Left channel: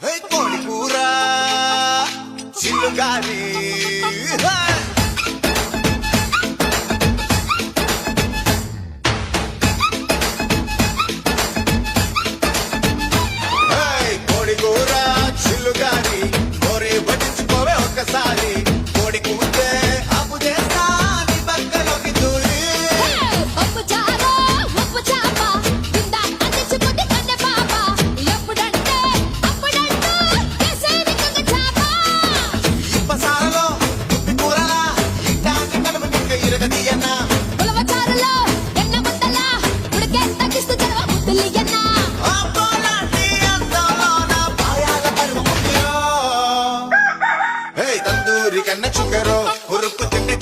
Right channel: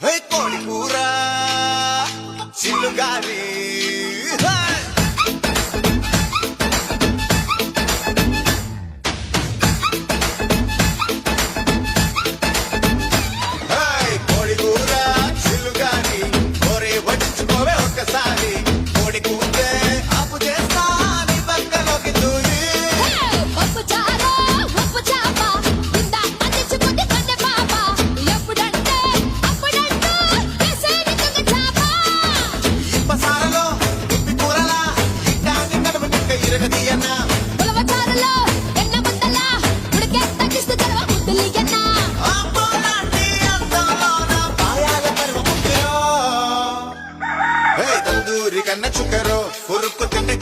కోడి కూర చిల్లుగారి కోడి కూర చిల్లుగారి కోరి వడ్డించుకోవే ఒక్కసారి కోడి కూతే అప్పు చేస్తా నీ పక్కలోకి దూరి పప్పు చారు ఉప్పు చాప కింద అందించుకుంటే కన్నె పాప ఎప్పుడంటే అప్పుడంటూ కేసేది కంగ చాప ఇప్పసారలో ఉప్పి కూరలా ఇట్టాన్ని నడుము నిక్క ఇరగదీయన్నా ఉలవ చారులో ఎన్న ముద్దల ఉడికే తగ్గిస్తూ జలవ ముద్దులియన్న అబ్బోలాంటి అందంలోన పాయాల పర్వ ముఖ్యో తందూరి కన్న చుక్కరో ఉరుక్కు తిండి